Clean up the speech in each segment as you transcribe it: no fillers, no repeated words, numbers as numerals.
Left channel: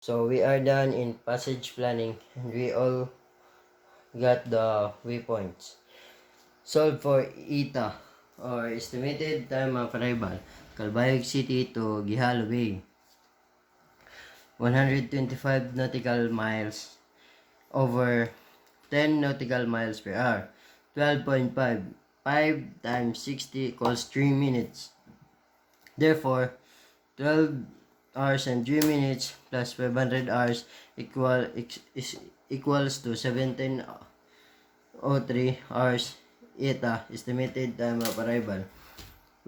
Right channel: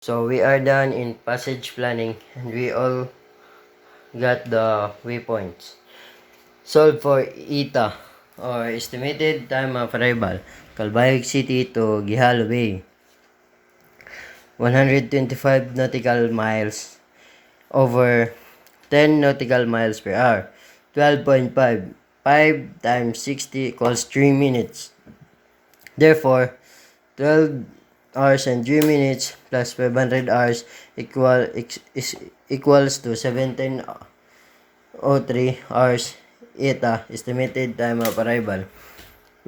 So we are done in passage planning and we all got the waypoints. Solve for ETA or estimated time of arrival. Calbayog City to Gihalo Bay. 125 nautical miles over 10 nautical miles per hour. 12.5. 5 times 60 equals 3 minutes. Therefore, 12 hours and 3 minutes plus 500 hours equals to 1703 hours. ETA, estimated time of arrival.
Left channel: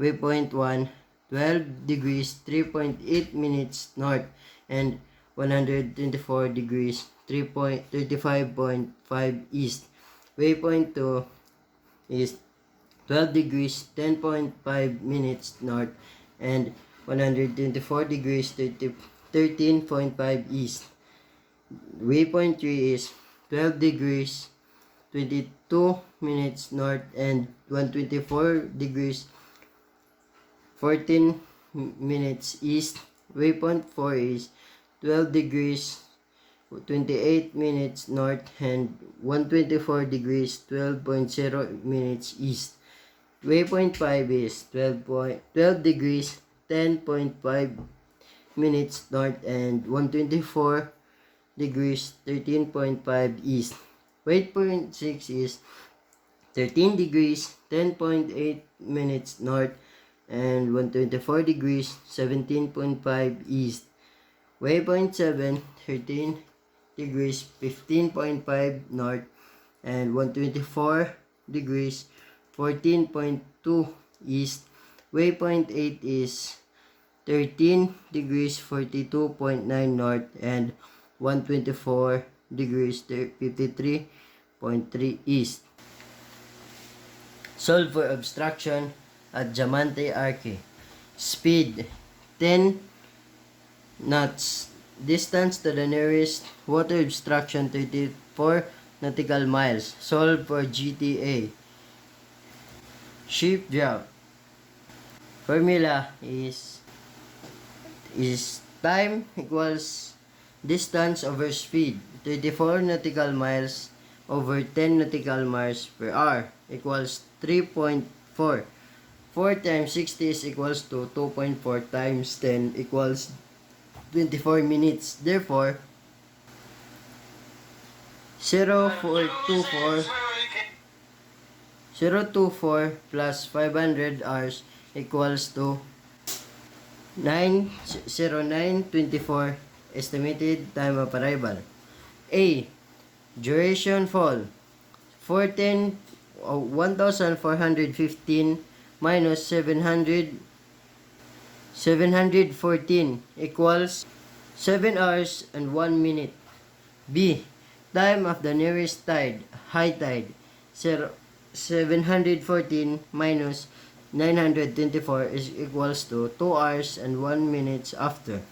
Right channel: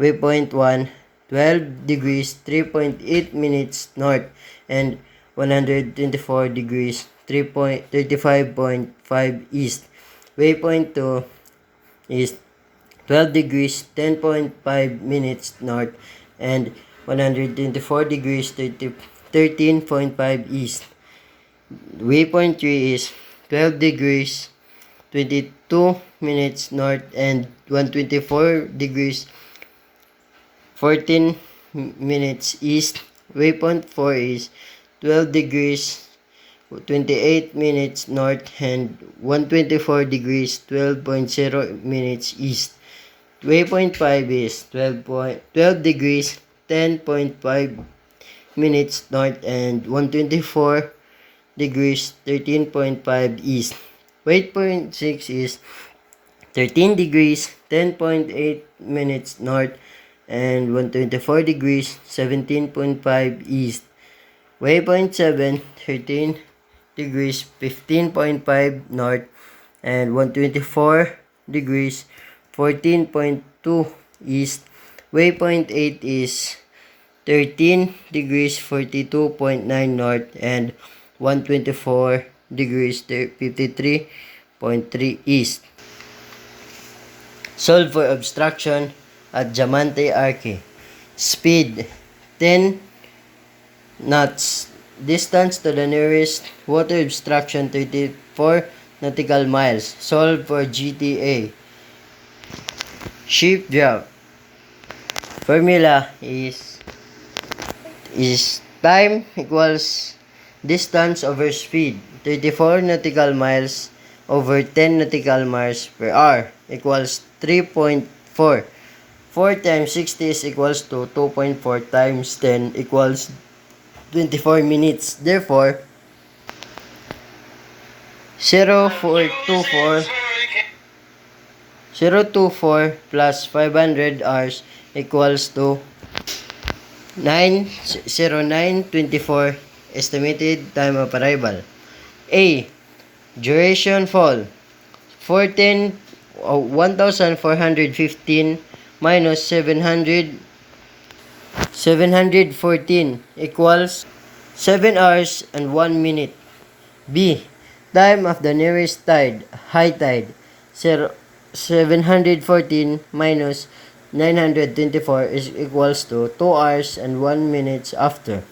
Waypoint 1, 12 degrees 3.8 minutes north and 124 degrees 35.5 east. Waypoint 2 is 12 degrees 10.5 minutes north and 124 degrees 13.5 east. Waypoint 3 is 12 degrees 22 minutes north and 124 degrees 14 minutes east. Waypoint 4 is 12 degrees 28 minutes north and 124 degrees 12.0 minutes east. Waypoint 5 is 12 degrees 10.5 minutes north and 124 degrees 13.5 east. Waypoint 6 is 13 degrees 10.8 minutes north and 124 degrees 17.5 east. Waypoint 7, 13 degrees 15.5 north and 124 degrees 14.2 east. Waypoint 8 is 13 degrees 42.9 north and 124 degrees 53.3 east. Solve for obstruction at Diamante Arque. Speed 10 knots. Distance to the nearest water obstruction 34 nautical miles. Solve for GTA. Ship draft. Formula is time equals distance over speed. 34 nautical miles over 10 nautical miles per hour equals 3.4. 4 times 60 is equals to 2.4 times 10 equals 24 minutes. Therefore, 0.24 plus 500 hours equals to 90924 estimated time of arrival. A. Duration fall 1415 minus 714 equals 7 hours and 1 minute. B. Time of the nearest tide, high tide, 714 minus 924 is equals to 2 hours and 1 minute after.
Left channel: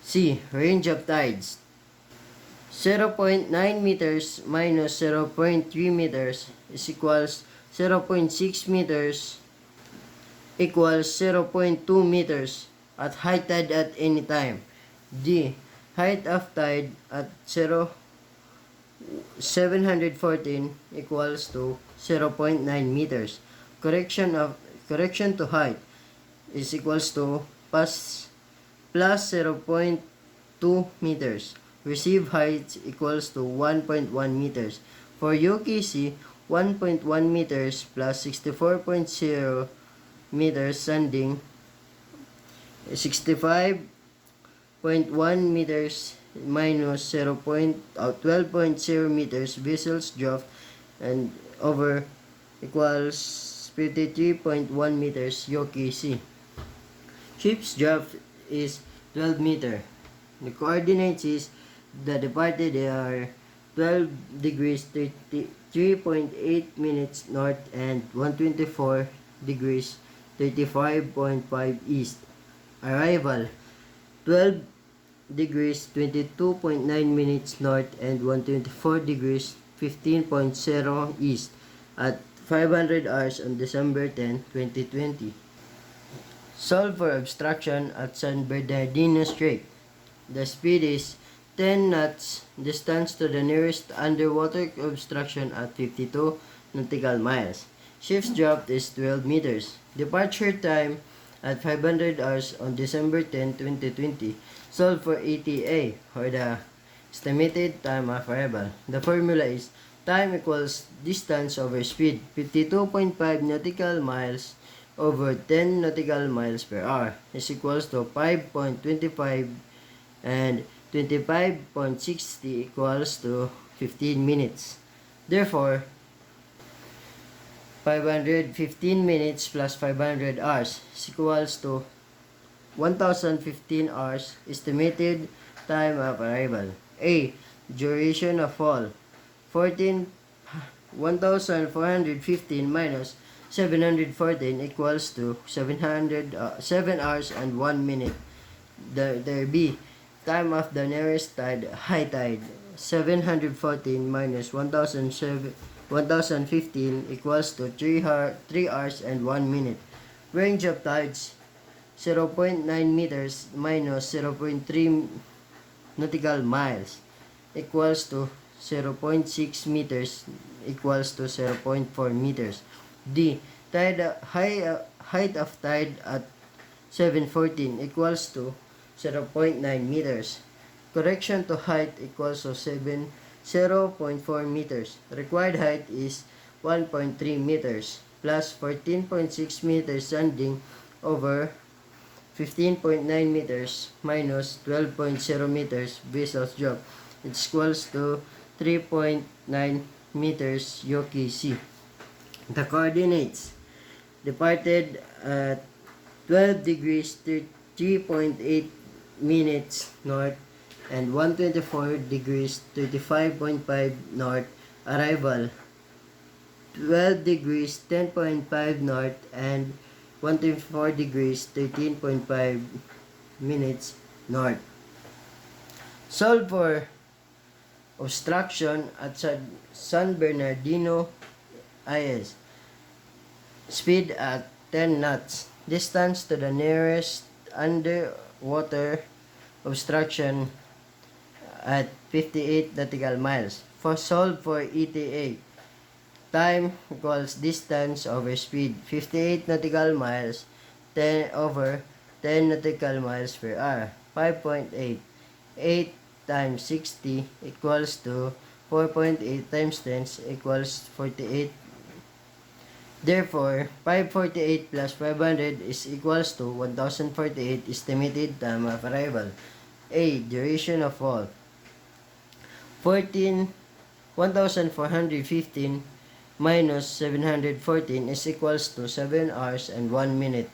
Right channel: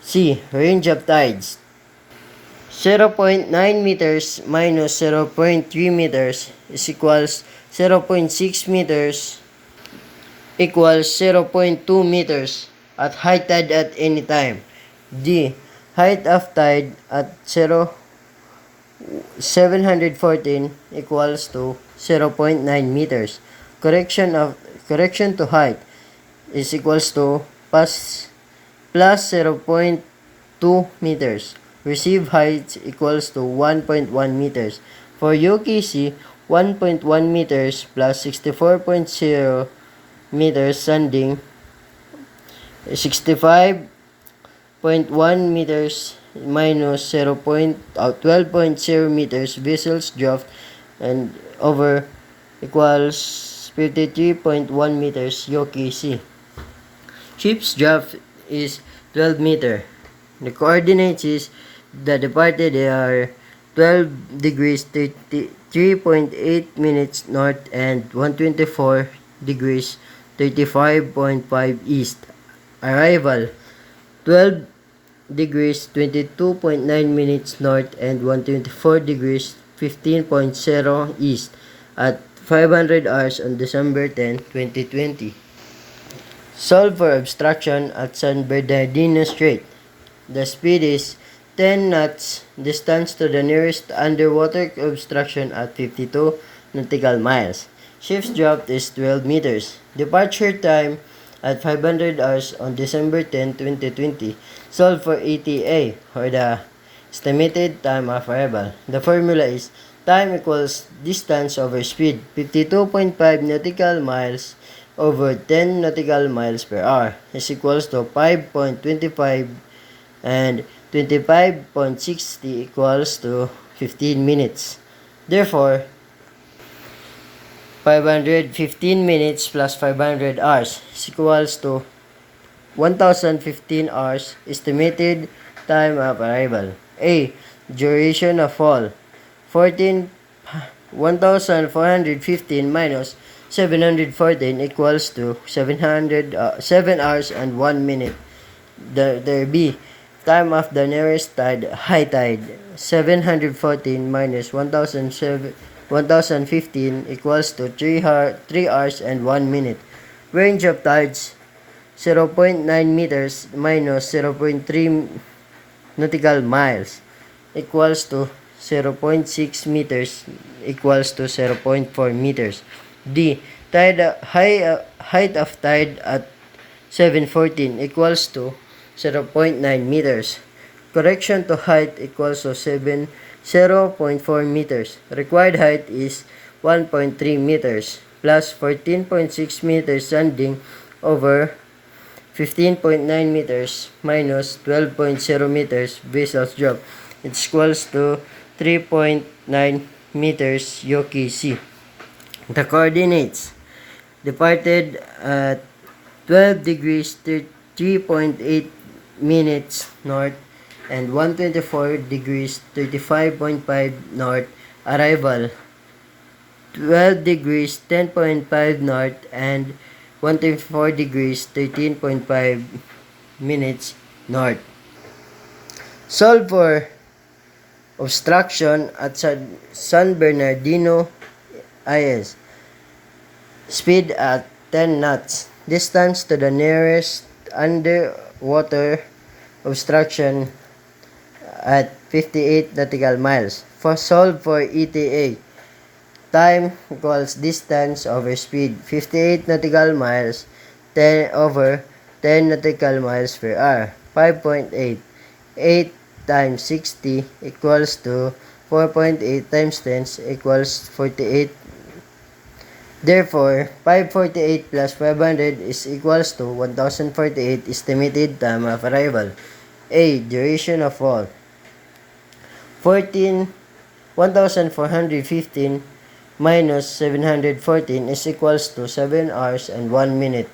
C. Range of tides, 0.9 meters minus 0.3 meters is equals 0.6 meters equals 0.2 meters at high tide at any time. D. Height of tide at 714 equals to 0.9 meters. Correction to height is equals to plus 0.2 meters. Receive height equals to 1.1 meters. For UKC, 1.1 meters plus 64.0 meters sending, 65.1 meters minus 12.0 meters vessels draft and over equals 53.1 meters UKC. Ship's draft is 12 meter. The coordinates is the departed are 12 degrees 33.8 minutes north and 124 degrees 35.5 east. Arrival 12 degrees 22.9 minutes north and 124 degrees 15.0 east at 500 hours on December 10, 2020. Solve for obstruction at San Bernardino Strait. The speed is 10 knots. Distance to the nearest underwater obstruction at 52 nautical miles. Ship's draft is 12 meters. Departure time at 500 hours on December 10, 2020. Solve for ETA, or the estimated time of arrival. The formula is time equals distance over speed, 52.5 nautical miles over 10 nautical miles per hour is equals to 5.25, and 25.60 equals to 15 minutes. Therefore, 515 minutes plus 500 hours is equals to 1015 hours. Estimated time of arrival. A. Duration of fall. 1415 minus 714 equals to 7 hours and 1 minute. There B. Time of the nearest tide, high tide. 714 minus 1015 equals to 3 hours and 1 minute. Range of tides, 0.9 meters minus 0.3 nautical miles equals to 0.6 meters equals to 0.4 meters. D. Height of tide at 714 equals to 0.9 meters. Correction to height equals to 0.4 meters. Required height is 1.3 meters plus 14.6 meters sanding over 15.9 meters minus 12.0 meters vessel's drop. It equals to 3.9 meters Yoki Sea. The coordinates: departed at 12 degrees 3.8 minutes north and 124 degrees 35.5 north. Arrival 12 degrees 10.5 north and 124 degrees 13.5 minutes north. Solve for obstruction at San Bernardino IS. Speed at 10 knots. Distance to the nearest underwater obstruction at 58 nautical miles. Solve for ETA. Time equals distance over speed, 58 nautical miles 10 over 10 nautical miles per hour. 5.8. 8 times 60 equals to 4.8 times 10 equals 48. Therefore, 548 plus 500 is equals to 1048 estimated time of arrival. A. Duration of fall. 1415 minus 714 is equals to 7 hours and 1 minute.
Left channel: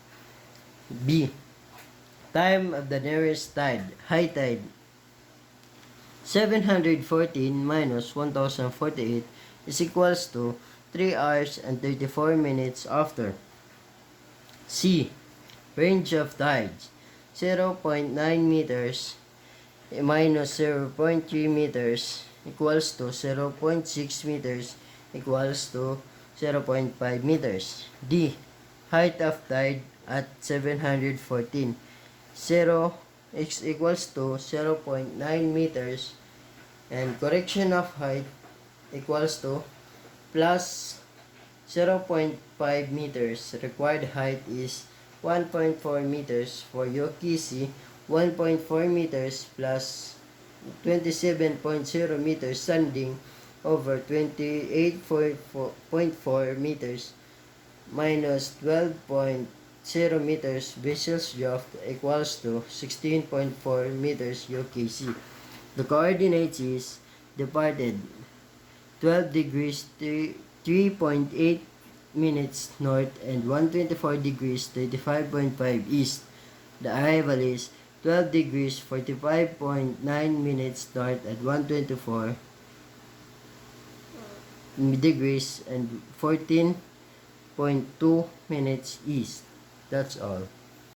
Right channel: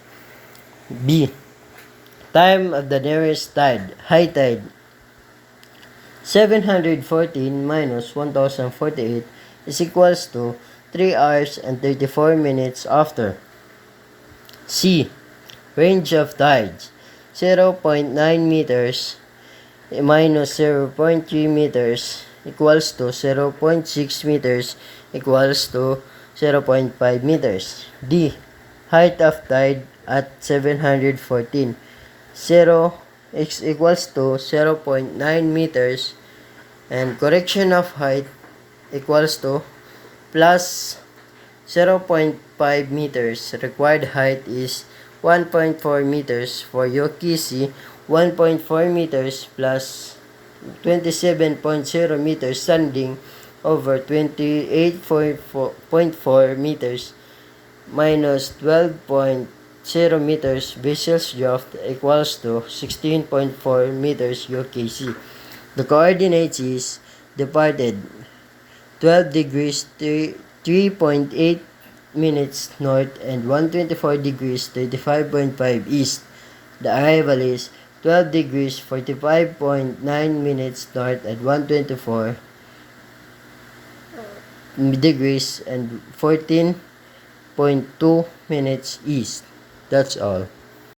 B. Time of the nearest tide, high tide. 714 minus 1048 is equals to 3 hours and 34 minutes after. C. Range of tides, 0.9 meters minus 0.3 meters equals to 0.6 meters equals to 0.5 meters. D. Height of tide at 714. 0 is equals to 0.9 meters and correction of height equals to plus 0.5 meters. Required height is 1.4 meters for Yoki Sea, 1.4 meters plus 27.0 meters sanding over 28.4 meters minus 12.0 meters vessel's draft equals to 16.4 meters Yoki Sea. The coordinates is departed 12 degrees 3.8 minutes north and 124 degrees 35.5 east. The arrival is 12 degrees 45.9 minutes north and 124 degrees and 14.2 minutes east. That's all.